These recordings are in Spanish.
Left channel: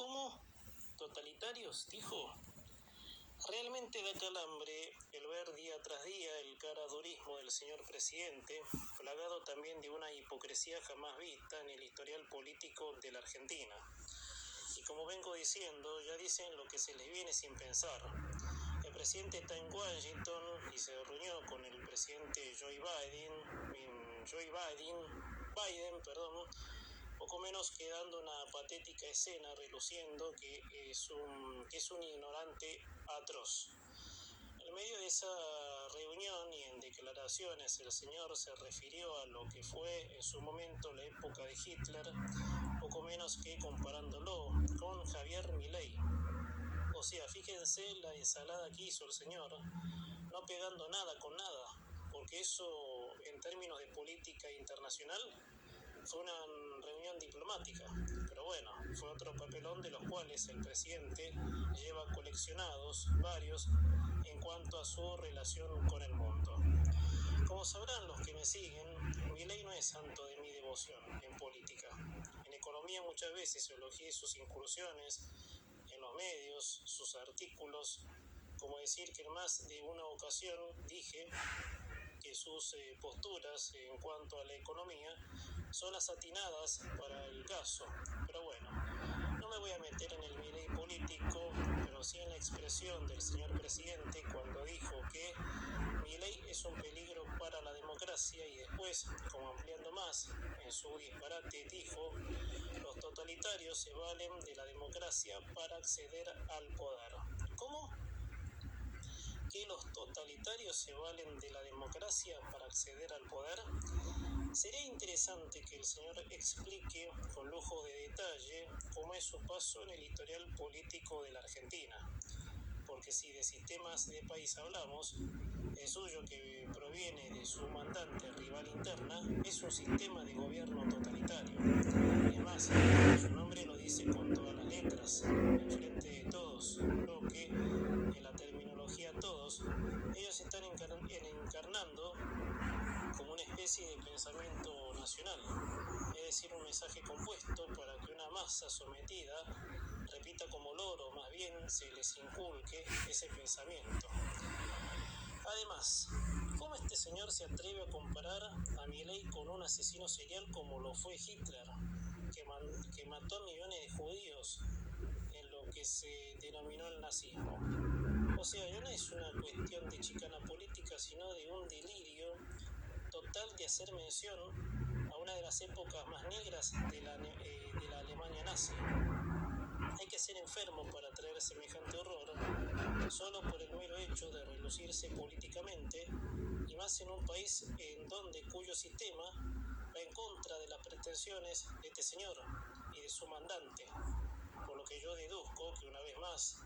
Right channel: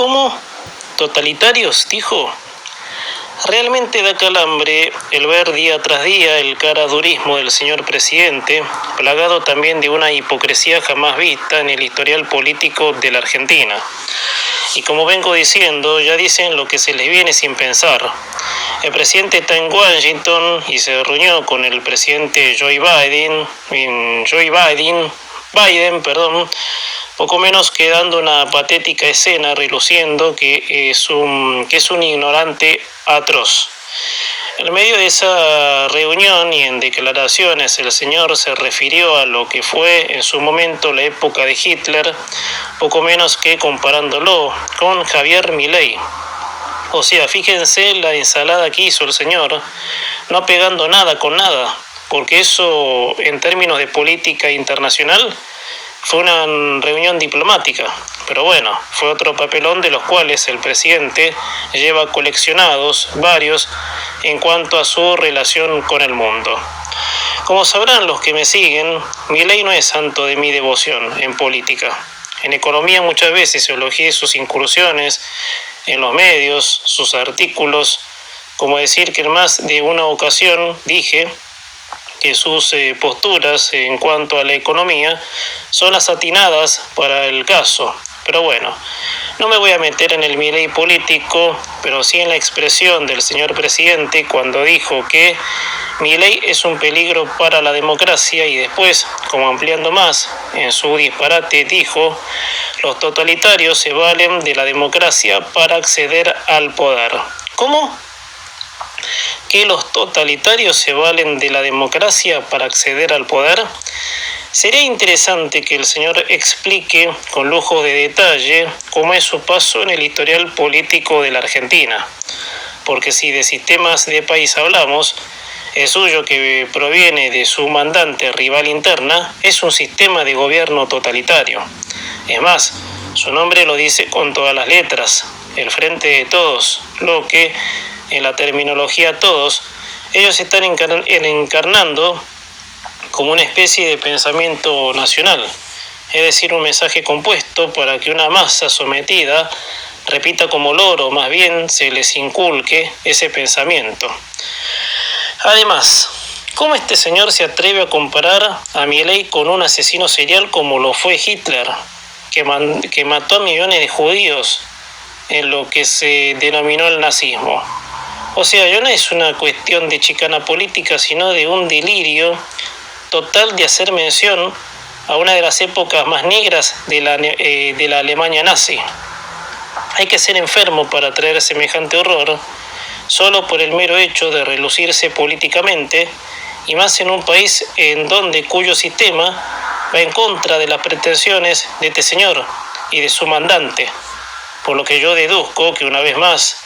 ¿Cómo? ¿Totalitarios?, dijo. Realmente da calambre el ver día tras día el caradurismo del señor presidente, plagado también de una hipocresía jamás vista en el historial político de la Argentina. Y como vengo diciendo, ya dicen lo que se les viene sin pensar. El presidente está en Washington y se reunió con el presidente Biden, poco menos que dando una patética escena reluciendo que es un ignorante atroz. En medio de esa reunión y en declaraciones el señor se refirió a lo que fue en su momento la época de Hitler, poco menos que comparándolo con Javier Milei. O sea, fíjense la ensalada que hizo el señor, no pegando nada con nada, porque eso en términos de política internacional fue una reunión diplomática, pero bueno, fue otro papelón de los cuales el presidente lleva coleccionados varios en cuanto a su relación con el mundo. Como sabrán los que me siguen, Milei no es santo de mi devoción en política. En economía muchas veces elogié sus incursiones en los medios, sus artículos, como decir que en más de una ocasión dije que sus posturas en cuanto a la economía son las atinadas para el caso. Pero bueno, no me voy a meter en el Milei político, pero sí en la expresión del señor presidente cuando dijo que Milei es un peligro para la democracia y después, como ampliando más en su disparate, dijo: los totalitarios se valen de la democracia para acceder al poder. ¿Cómo? ¿Que los totalitarios se valen de la democracia para acceder al poder? Sería interesante que el señor explique con lujo de detalle cómo es su paso en el historial político de la Argentina, porque si de sistemas de país hablamos, el suyo, que proviene de su mandante rival interna, es un sistema de gobierno totalitario. Es más, su nombre lo dice con todas las letras, el frente de todos, lo que, en la terminología todos, ellos están encarnando como una especie de pensamiento nacional, es decir, un mensaje compuesto para que una masa sometida repita como loro, más bien se les inculque ese pensamiento. Además, ¿cómo este señor se atreve a comparar a Milei con un asesino serial como lo fue Hitler, que mató a millones de judíos en lo que se denominó el nazismo? O sea, ya no es una cuestión de chicana política, sino de un delirio total de hacer mención a una de las épocas más negras de la Alemania nazi. Hay que ser enfermo para traer semejante horror, solo por el mero hecho de relucirse políticamente, y más en un país cuyo sistema va en contra de las pretensiones de este señor y de su mandante, por lo que yo deduzco que una vez más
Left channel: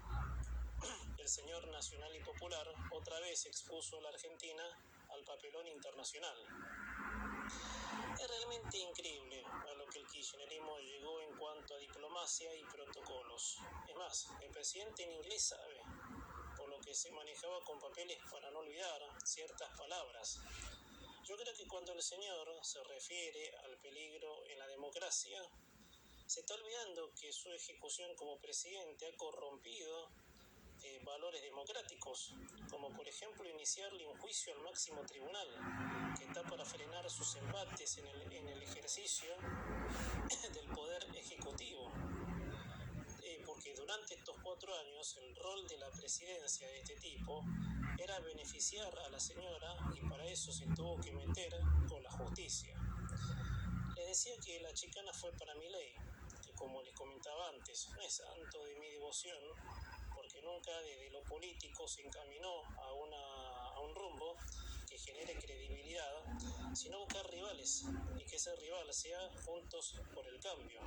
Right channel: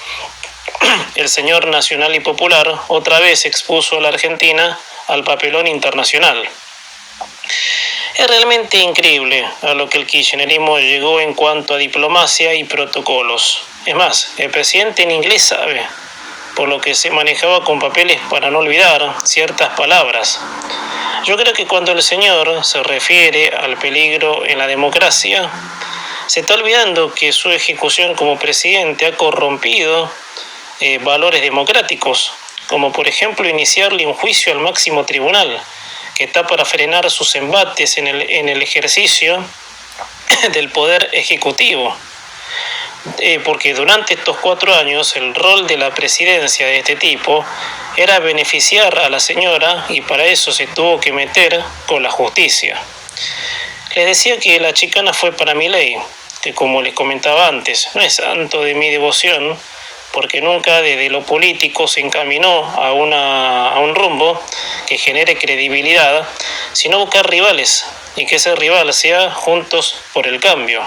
el señor nacional y popular otra vez expuso a la Argentina al papelón internacional. Es realmente increíble a lo que el kirchnerismo llegó en cuanto a diplomacia y protocolos. Es más, el presidente en inglés sabe, por lo que se manejaba con papeles para no olvidar ciertas palabras. Yo creo que cuando el señor se refiere al peligro en la democracia, se está olvidando que su ejecución como presidente ha corrompido valores democráticos, como por ejemplo iniciarle un juicio al máximo tribunal, que está para frenar sus embates en el ejercicio del poder ejecutivo. Porque durante estos 4 años el rol de la presidencia de este tipo era beneficiar a la señora, y para eso se tuvo que meter con la justicia. Les decía que la chicana fue para Milei, que como les comentaba antes, no es santo de mi devoción, porque nunca desde lo político se encaminó a un rumbo que genere credibilidad, sino buscar rivales, y que ese rival sea Juntos por el Cambio.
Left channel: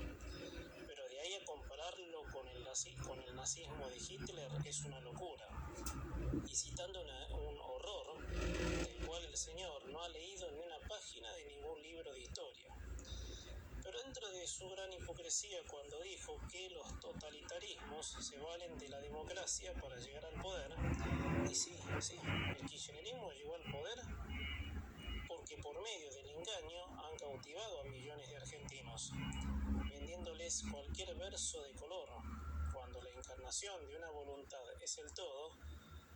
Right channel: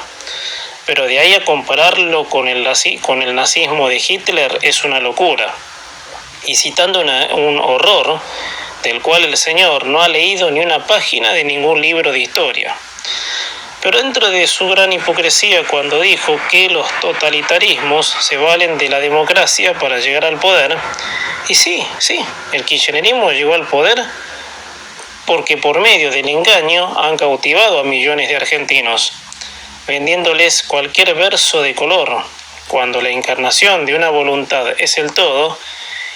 Pero de ahí a compararlo con el nazismo de Hitler es una locura. Y citando un horror del cual el señor no ha leído ni una página de ningún libro de historia. Pero dentro de su gran hipocresía cuando dijo que los totalitarismos se valen de la democracia para llegar al poder, y sí, el kirchnerismo llegó al poder porque por medio del engaño han cautivado a millones de argentinos. vendiéndoles cualquier verso de color, cuando la encarnación de una voluntad es el todo,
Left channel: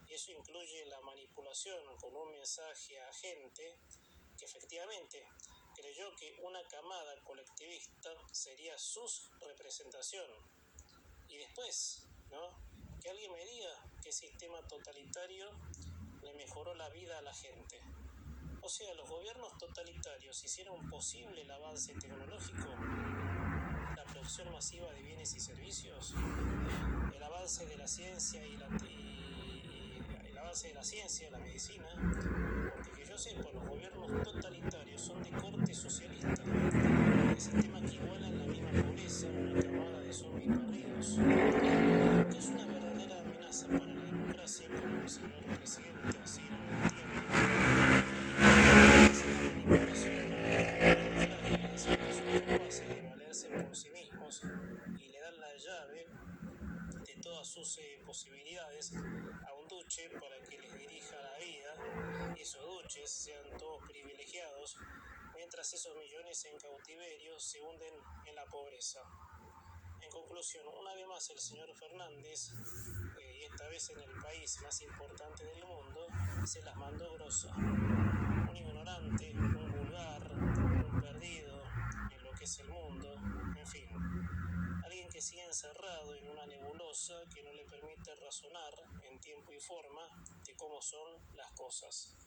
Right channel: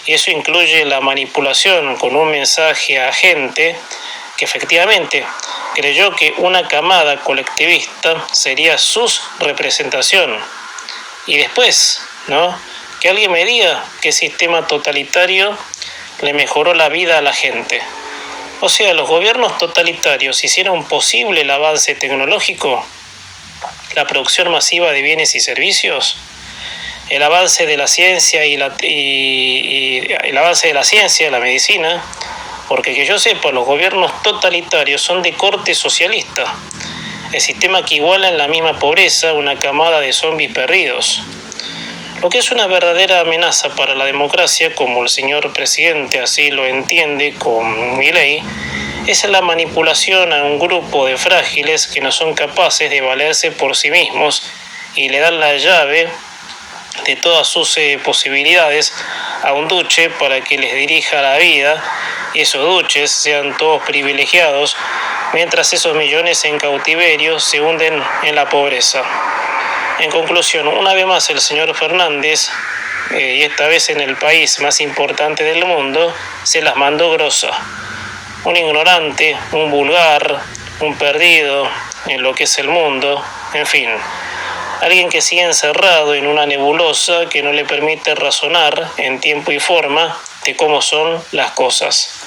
y eso incluye la manipulación con un mensaje a gente que efectivamente creyó que una camada colectivista sería su representación. Y después, ¿no? Que alguien me diga qué sistema totalitario le mejoró la vida a la gente. O sea, los gobiernos totalitarios hicieron posible el avance tecnológico, la producción masiva de bienes y servicios, el avance de la ciencia y el avance de la ciencia, la medicina, porque que yo sepa, los gobiernos totalitarios son de corte socialista, el sistema que iguala en la misma pobreza una camada de zombies perdidos. Lo que es una verdadera amenaza para la democracia, como el señor presidente así lo entiende con Milei, es la manipulación a un grupo de frágiles que no son capaces de valerse por sí mismos y le dan la llave de todas sus posibilidades a un duce para que les dirija la vida y esos duches sean todos privilegiados, mientras esos millones en cautiverio se hunden en la pobreza. En conclusión, una vez más el señor Fernández, y esta vez en el país más importante del mundo, se las mandó grosa. Un ignorante, un vulgar, un perdido en lo que es el mundo, en fin. Alguien que sigue encerrado en una nebulosa que no le permite razonar en tiempo y forma de cómo son las cosas.